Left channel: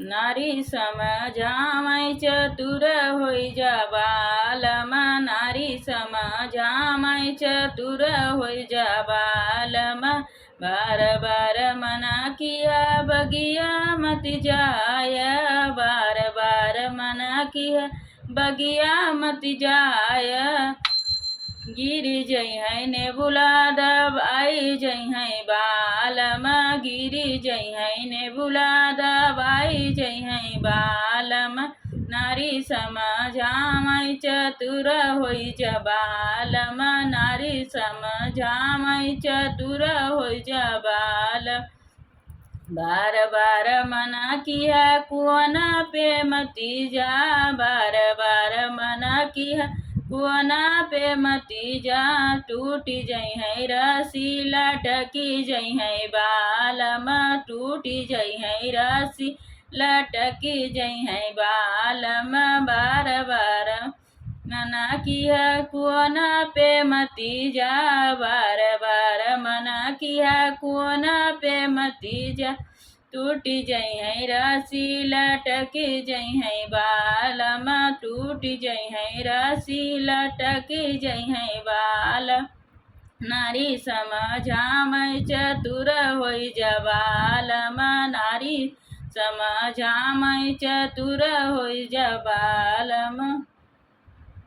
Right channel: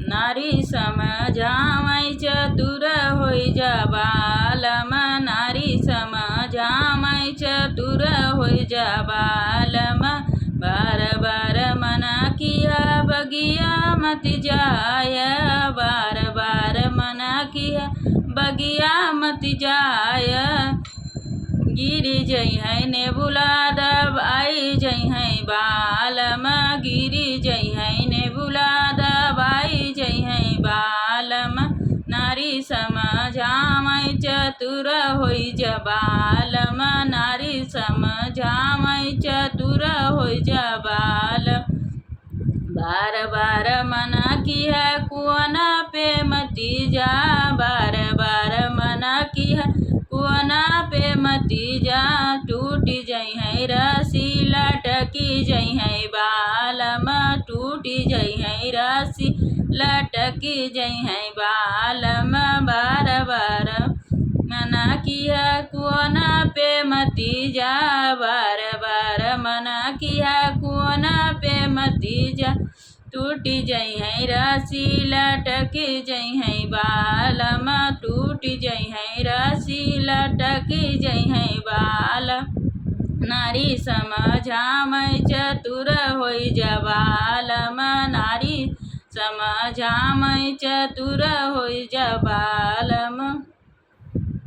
नारी समझामै चतुर होइ जा बालमा। नारी समझामै चतुर होइ जा बालमा। बार बार मना किया बगिया मत जाय। बार बार मना किया बगिया मत जाय। गिरी जई है नेबुला दबाई जई है बालमा। गिरी जई है नेबुला दबाई जई है बालमा। नारी समझामै चतुर होइ जा बालमा। नारी समझामै चतुर होइ जा बालमा। बार बार मना किया कुआना पे मती जा। बार बार मना किया कुआना पे मती जा। टूटी जई है रस्सी लटकी जई है बालमा। टूटी जई है रस्सी लटकी जई है बालमा। बार बार मना किया कुआना पे मती जा। बार बार मना किया कुआना पे मती जा। टूटी जई है रस्सी लटकी जई है बालमा। टूटी जई है रस्सी लटकी जई है बालमा। नारी समझामै चतुर होइ जा बालमा। नारी समझामै चतुर होइ जा बालमा।